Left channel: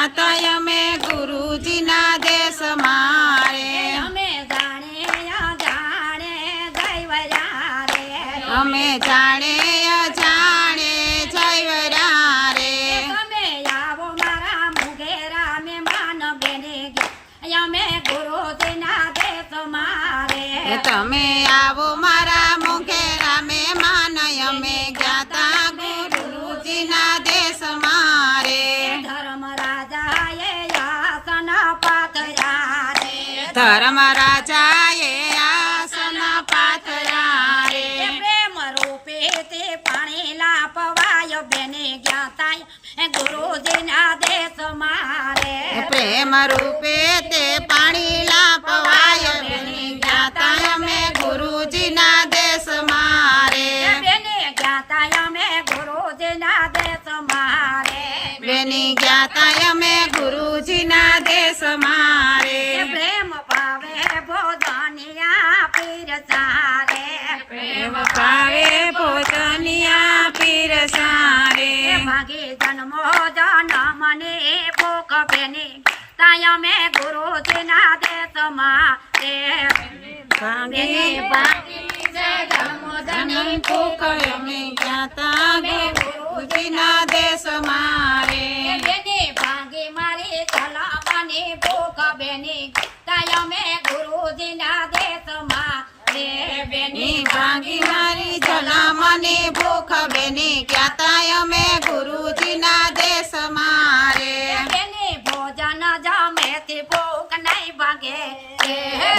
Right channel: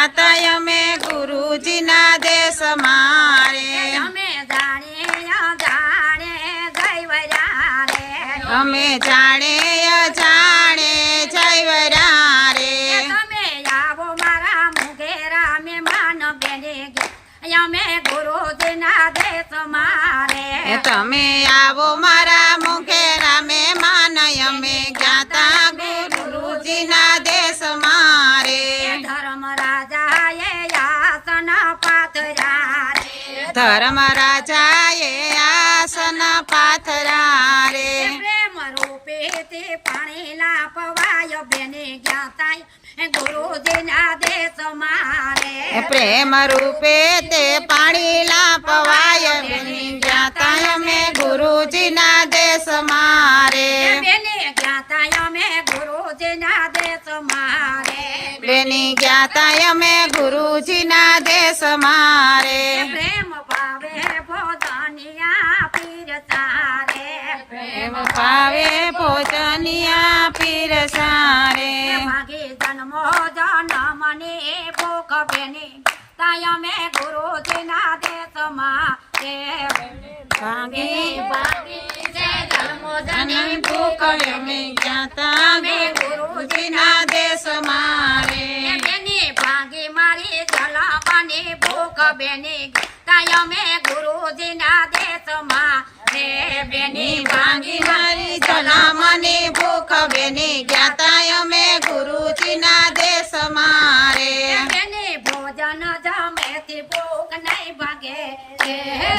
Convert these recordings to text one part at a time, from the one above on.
જ્ઞાતા અમે ગુરુજીના દેશ મારે અમે જાણે અજાણે જયવરા રે અમે જાણે અજાણે જયવરા રે તમે આવો મારા મુગેરા મેં માન બેને અમે ગુરુજીના દેશ મારે તમે આવો મારા મુખેરા મહેમાન અમે જ્ઞાતા ગુરુજીના દેશ મારે ધર્મ રાજાએ આસન પાથર્યા રે ધર્મ રાજાએ આસન પાથર્યા રે પ્રેમ રૂપે તે પાણી લાપવાય બેને જ્ઞાતા ગુરુજીના દેશ મારે પ્રેમ રૂપે તે પાણી લાપવાય બેની જ્ઞાતા અમે ગુરુજીના દેશ મારે બેને જ્ઞાતા અમે ગુરુજીના દેશ મારે બેની જ્ઞાતા અમે ગુરુજીના દેશ મારે પ્રેમ પાવે ભોજનિયા પીરસારે પ્રેમ પાવે ભોજનિયા પીરસારે ભાગી જન્મો જન્મને ભૂખ બેને તાય અમે ગુરુજીના દેશ મારે ભાગી ભાગી જન્મો જન્મ ભૂખ અમે જ્ઞાતા ગુરુજીના દેશ મારે બેને ભાગે મારી જલાવાની ભૂખ બેને તાય અમે ગુરુજીના દેશ મારે બેની ભાગી મારી જન્મની ભૂખ બેની જ્ઞાતા અમે ગુરુજીના દેશ મારે બેને ભોજન જમેથી ભૂખ નહીં ભાગે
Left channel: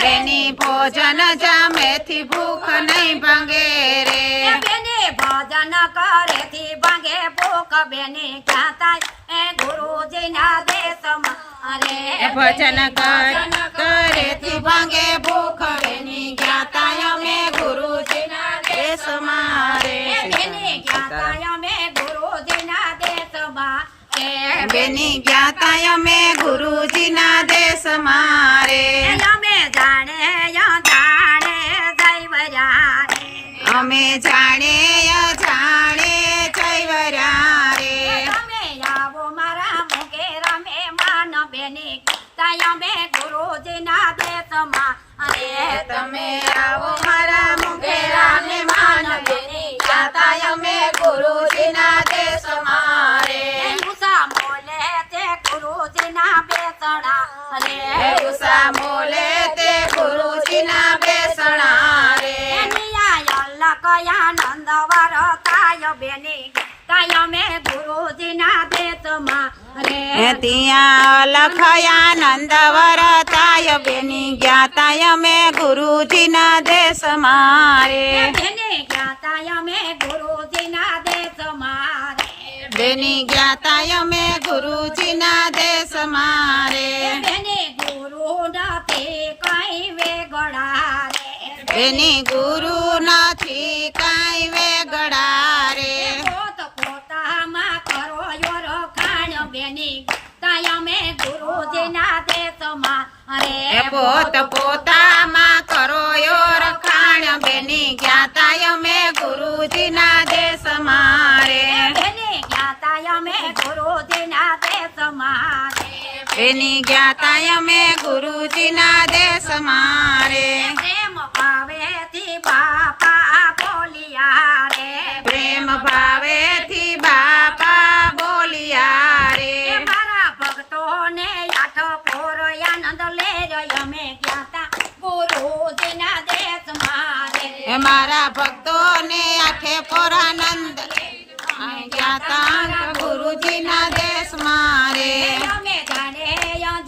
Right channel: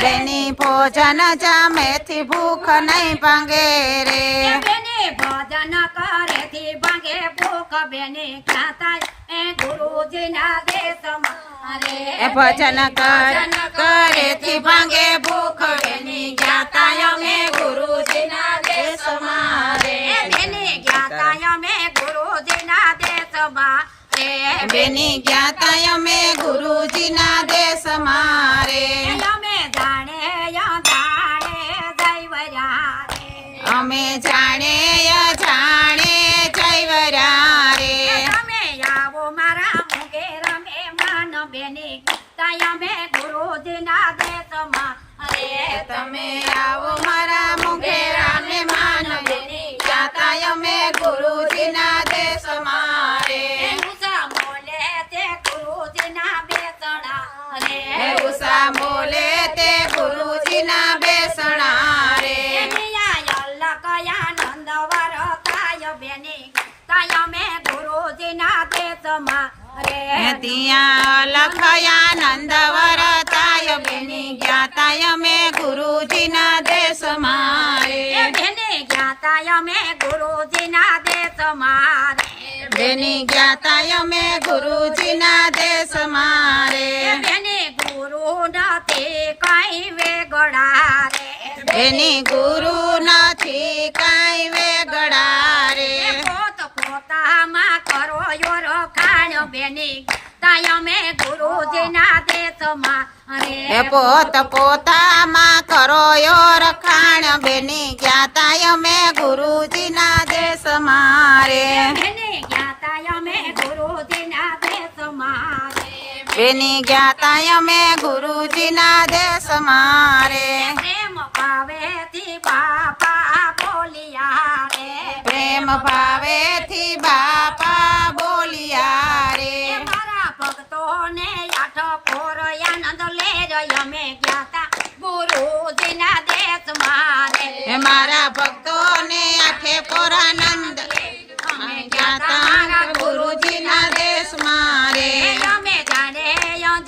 બેની ભોજન જમેથી ભૂખ નહીં ભાંગે રે બેને ભોજન કરેથી ભાગે ભૂખ બેને જ્ઞાતા ગુરુજીના દેશ મારે ભજન કરેથી ભાંગે ભૂખ બેની જ્ઞાતા અમે ગુરુજીના દેશ મારે બેને જ્ઞાતા અમે ગુરુજીના દેશ મારે બેની જ્ઞાતા અમે ગુરુજીના દેશ મારે અમે જાણે જાણે જયવરા રે અમે જાણે અજાણે જયવરા રે તમે આવો મારા મુગેરા મહેમાન બેની તાય અમે ગુરુજીના દેશ મારે તમે આવો મારા મુખેરા મહેમાન બેની જ્ઞાતા અમે ગુરુજીના દેશ મારે ઉષા મોલે તે ગુરુજીના બેસણા રે ઉષા મોલે તે ગુરુજીના બેસણા રે આનંદ વર તાય બેની તાય અમે ગુરુજીના દેશ મારે ત્યાં લખયાનંદ વરતાય બેની જ્ઞાતા અમે ગુરુજીના દેશ મારે બેની જ્ઞાતા અમે ગુરુજીના દેશ મારે બેની જ્ઞાતા અમે ગુરુજીના દેશ મારે બેની ગુરુ નથી કઈ વેગડા રે બેની ગુરુ નથી કાંઈ વેગડા રે પોત પોતામાં કરો યોર ખાણ બેની તાય અમે ગુરુજીના દેશ મારે પોત પોતામાં કરો યો રખાણ બેની જ્ઞાતા અમે ગુરુજીના દેશ મારે બેની જ્ઞાતા અમે ગુરુજીના દેશ મારે બેની જ્ઞાતા અમે ગુરુજીના દેશ મારે પ્રેમ ભાવેથી બાપા બોલિયા રે પ્રેમ ભાવેથી બાપા બોલિયા રે મારા ભક્તોને આઠ પોર આનંદ લે અમે જ્ઞાતા ગુરુજીના દેશ મારે મારા ભક્તોને આઠે પોરાનંદ જ્ઞાતા ગુરુજીના દેશ મારે અમે જાણે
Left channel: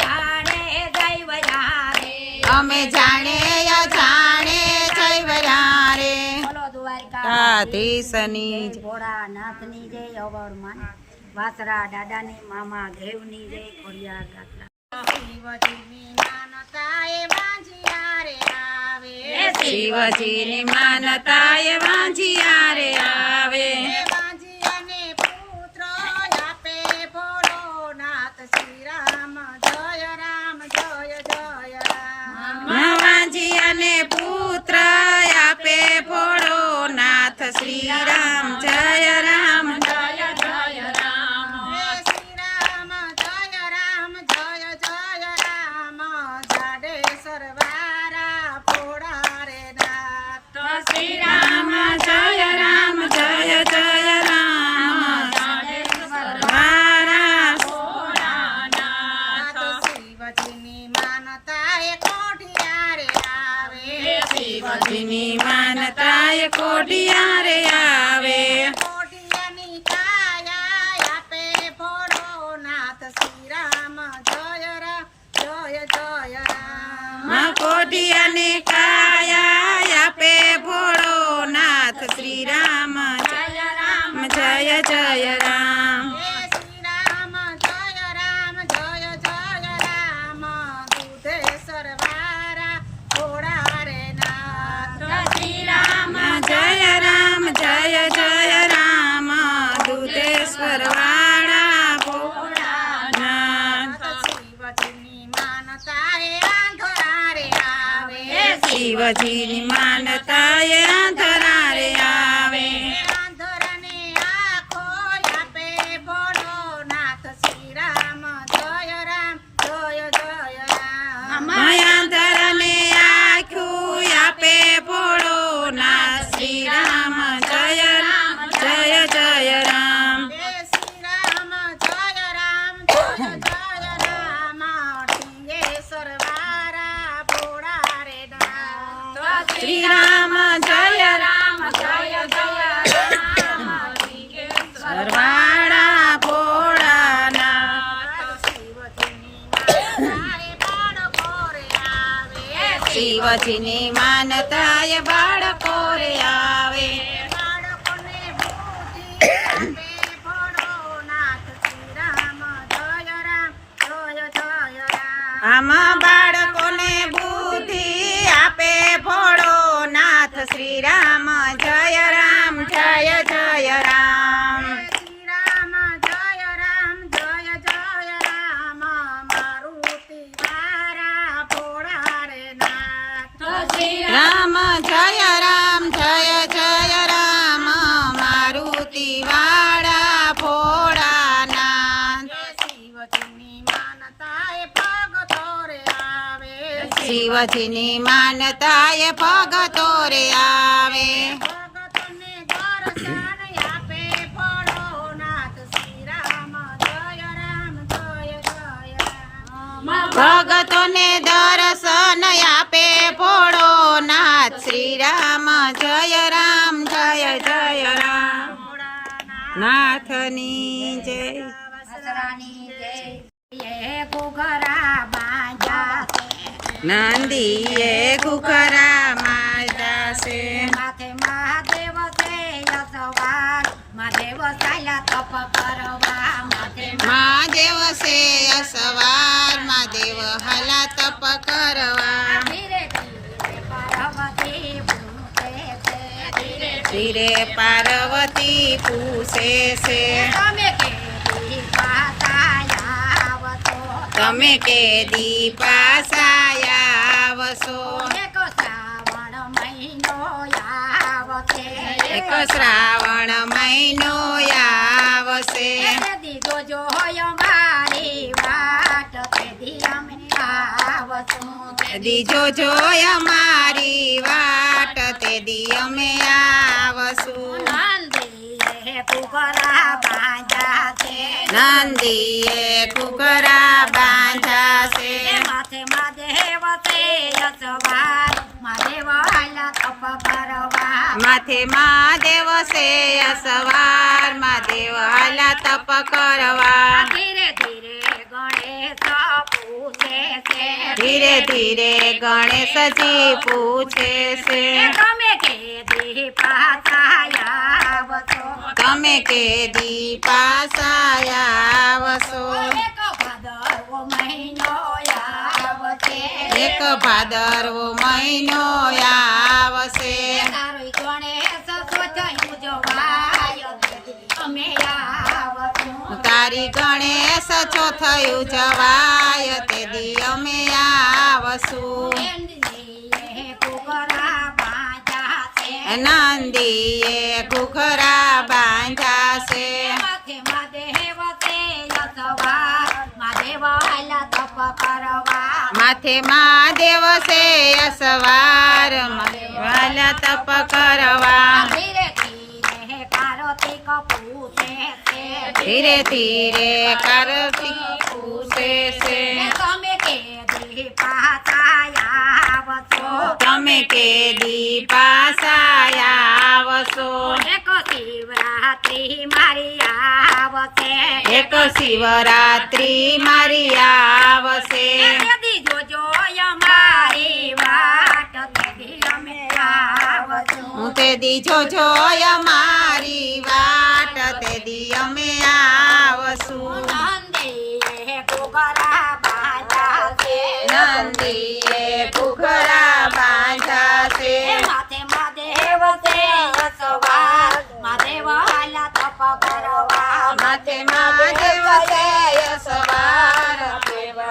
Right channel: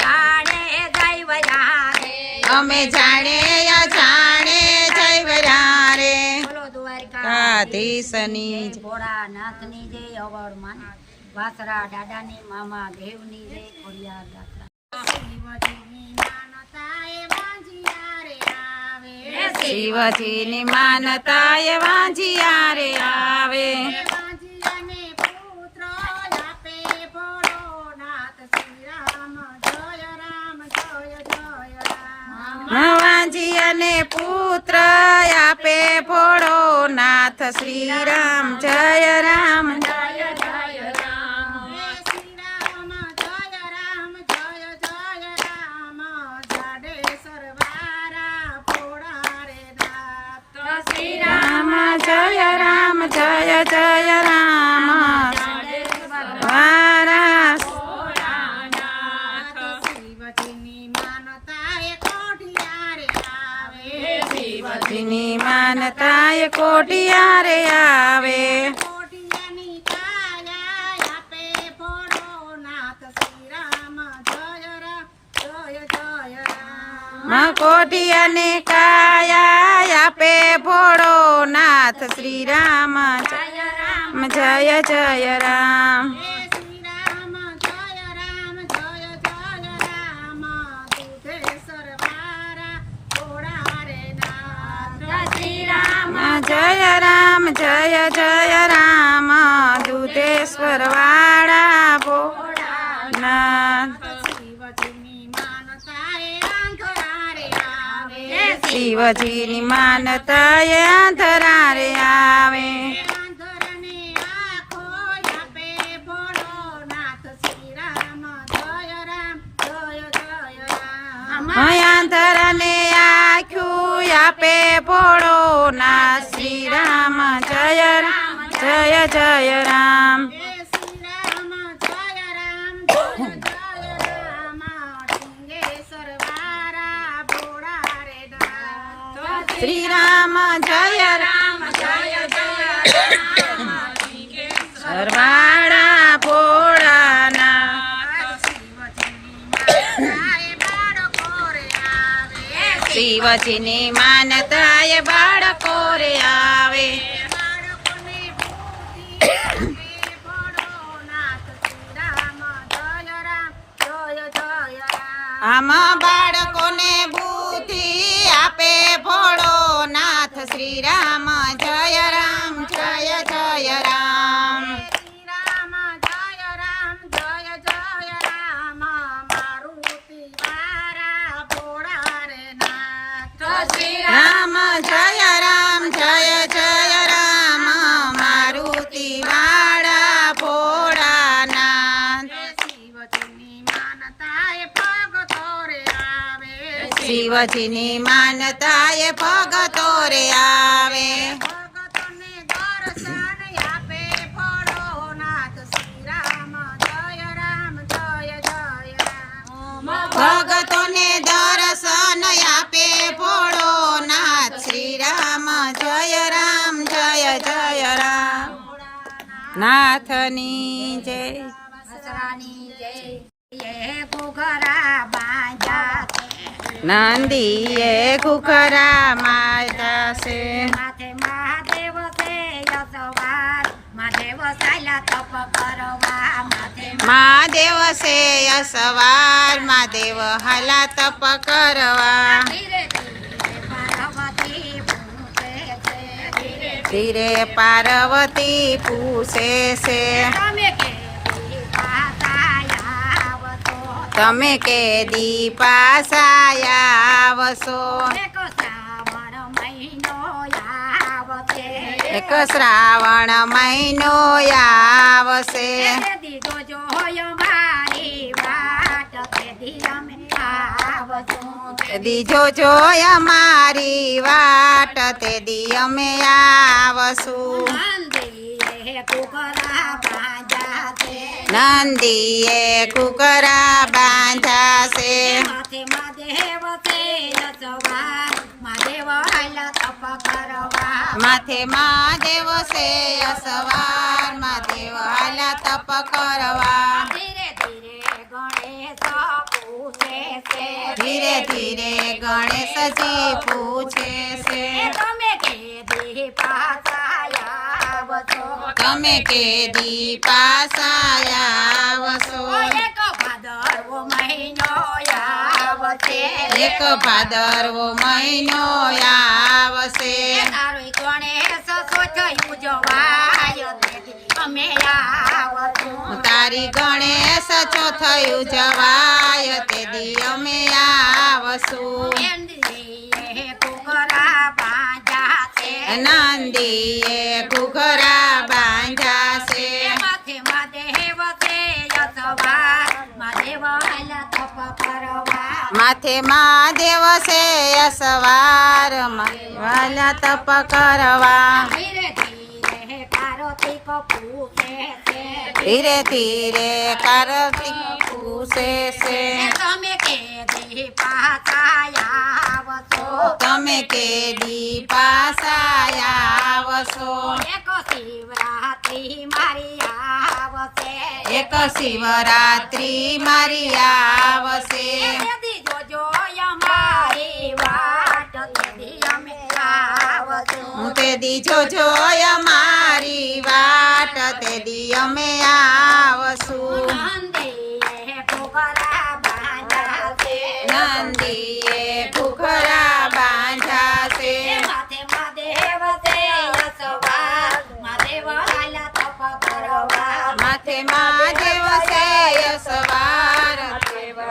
જાણે જયવરા રે અમે જાણે અજાણે જયવરા રે બોલો દ્વારકા કાધીશની જય. ભોળાનાથની જય અવરમાન વાસરા દાદાની મામા દેવની જય ખોડિયાર દાતા શિવજીની માનતા એ વાંજિયા રે આવે વાંજિયાને પુત્ર આપે ભોળો નાથ શ્રી રામ જય રામ જય જય રામ કોઠિયારે આવે કોઠિયાની કાયા આપે ફોડો નાથ શ્રી રામ જય રામ જય જય રામ કોઠિયાને કાયા આપે ફોડો નાથ શ્રી રામ જય રામ જય જય રામ શ્રી રામ જય રામ જય જય રામ દૂધેશ્વર વારા ફોડા રે નાથ શ્રી રામ જય રામ જય જય રામ દૂધેશ્વર વાળા ભોળાનાથ શિવજીની માનતા એ આંધળા રે આવે શિવજીની માનતા એ આંધળા રે આવે આંધળાને આંખો આપે ભોળો નાથ શ્રી રામ જય રામ જય જય રામ આંધળાને આખ્યું આપે ભોળો નાથ શ્રી રામ જય રામ જય જય રામ શ્રી રામ જય રામ જય જય રામ ઢીંગેશ્વર વારા ભોળા રે નાથ શ્રી રામ જય રામ જય જય રામ સરવાળા ભોળાનાથ શિવજીની માનતા એ બાળકો રે આવે બાળકોને બુદ્ધિ આપે ભોળો નાથ શ્રી રામ જય રામ જય જય રામ આમાં બાળકોને બુદ્ધિ આપે ભોળો નાથ શ્રી રામ જય રામ જય જય રામ શ્રી રામ જય રામ જય જય રામ મારુતિ વારા ભોળા રે નાથ શ્રી રામ જય રામ જય જય રામ મારુતિ વાળા ભોળાનાથ શિવજીની માનતા એ ભગતો રે આવે શિવજીની માનતા એ ભગતો રે આવે ભગતોને દર્શન આપે ભોળો નાથ શ્રી રામ જય રામ જય જય રામ ભગતોને દર્શન આપે ભોળો નાથ શ્રી રામ જય રામ જય જય રામ નાથની જય વસરાની જય એ ઘોઘરા બાંધ્યા છે નંદીએ ઘુઘરા માર્યા છે માથે મહાદેવ છે યશવાર મહાદેવ ચાલ્યા તપ કરવા માથે મહાદેવ છે અસવાર મહાદેવ હાલા તપ કરવા ધીરે ધીરે પાર્વતી પૂછે છે ધીરે ધીરે પાર્વતી પૂછે છે તમે કેવી પાછા આવતો તમે કે દીપાસાયા આવશો એક શ્રાવણ મહિનો આવશે એક શ્રાવણ મહિનો આવશે તેથી જોજો મારી વાટ તેથી અમે આવશું દીજો જોય મારી વાટ તે દી અમે આવશું નંદીએ કુકરા બાંધ્યા છે નંદીએ કુકરા બાંધ્યા છે માથે મહાદેવ છે યશવાર મહાદેવ આયલા તપ કરવા માથે મહાદેવ છે અસવાર મહાદેવ હાલા તપ કરવા ધીરે ધીરે ગણેશ પૂછે છે ધીરે ધીરે ગણેશજી પૂછે છે તમે કેદી પાછા આવશો તમે કે દીપાસાયા આવશો એક ભાદરવો મહિનો આવશે એક ભાદરવો મહિનો આવશે તારો ગણેશ સોચયું જવાય તેથી અમે આવશું તારી ગણેશ ચોથયું જવાય તે દી અમે આવશું નંદીએ કુકરા બાંધ્યા છે નંદીએ ઘુઘરા બાંધ્યા છે માથે મહાદેવ છે યશવાર મહાદેવ આયલા તપ કરવા માથે મહાદેવ છે અસવાર વાલા તપ કરવા ધીરે ધીરે કાર્તિક પૂછે છે ધીરે ધીરે કાર્તિક પૂછે છે તમે કેદી પાછા આવશો તમે કેદી પાછા આવશો એક શિવરાત્રી મારી આવશે એક શિવરાત્રી મારી આવશે તેથી જોજો અમારી વાટ તેથી અમે આવશું તે દી જોજો અમારી વાટ તે દી અમે આવશું નંદીએ ઘૂઘરા બાંધ્યા છે નંદીએ ઘૂઘરા બાંધ્યા છે માથે મહાદેવ છે સવાર મહાદેવ હાલા તપ કરવા માથે મહાદેવ છે સવાર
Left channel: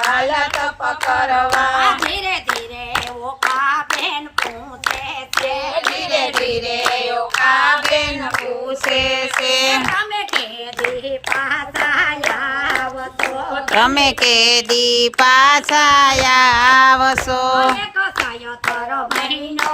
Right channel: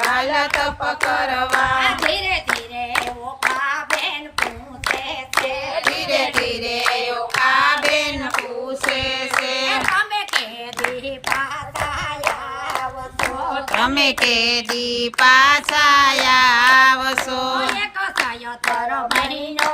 હાલ તપ કરવા ધીરે ધીરે ઓકા બેન પૂછે છે ધીરે ધીરે યોગાબેન પૂછે છે તમે કેદી પાછા આવશો તમે કેદી પાછા આવશો એક સયતર મહિનો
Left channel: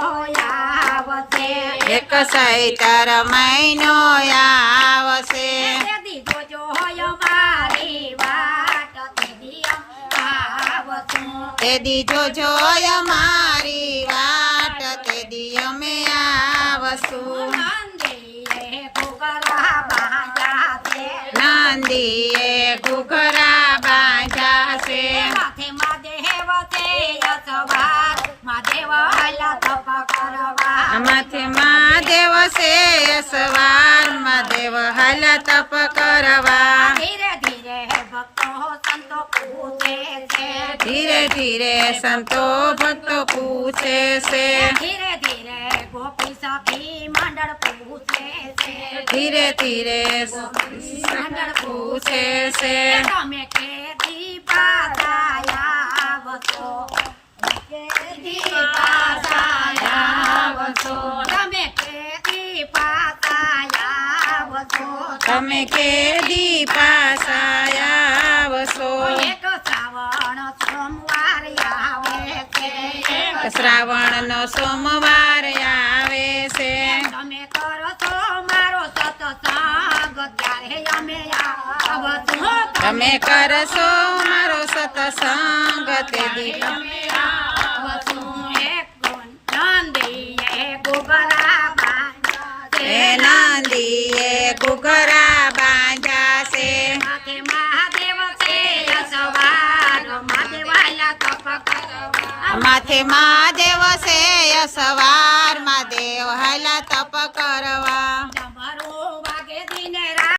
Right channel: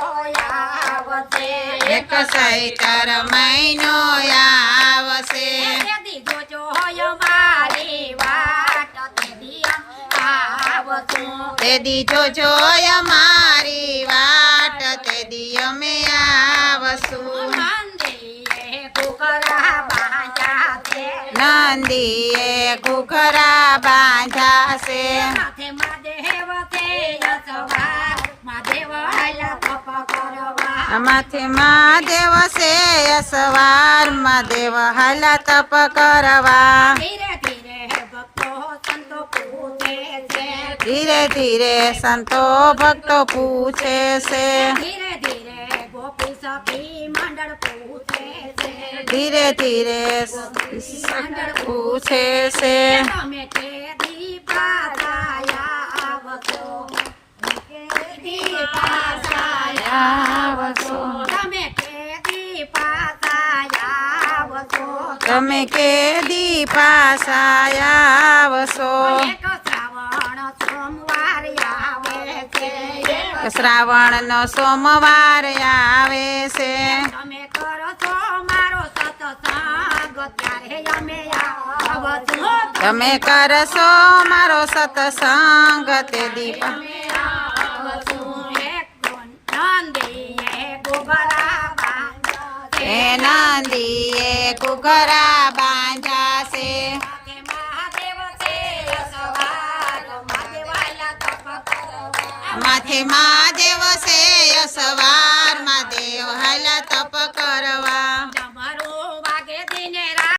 આવશે એક સૈતર મહિનો આવશે તેથી જોજો અમારી વાટ તેથી અમે આવશું તે દી જોજો અમારી વાટ તે દી અમે આવશું નંદીએ ઘૂઘરા બાંધ્યા છે નંદીએ ઘૂઘરા બાંધ્યા છે માથે મહાદેવ છે સવાર મહાદેવ હાલા તપ કરવા માથે મહાદેવ છે સવાર મહાદેવ હાલા તપ કરવા ધીરે ધીરે ભક્તો સંતો પૂછે છે ધીરે ધીરે સંતો ભક્તો પૂછે છે ધીરે ધીરે ગોપી સખી મંડળ પૂછે છે ધીરે ધીરે મંડળ પૂછે છે તમે કેદી પાછા આવશો કેદી પાછા આવશો તમે કેદી પાછા આવશો તમે કેદી પાછા આવશો એક શ્રાવણ સોમવાર આવે છે શ્રાવણનો સોમવાર આવે છે તમે કરો છો મારો સત્સંગ ત્યારે અમે આવશું તમે કરશો મારો સત્સંગ તે દીપ અમે આવશું એક નંદીએ ઘૂઘરા બાંધ્યા છે એ નંદીએ ઘૂઘરા બાંધ્યા છે માથે મહાદેવ છે સવાર મહાદેવ હાલા તપ કરવા માથે મહાદેવ છે સવાર મહાદેવ હાલા તપ કરવા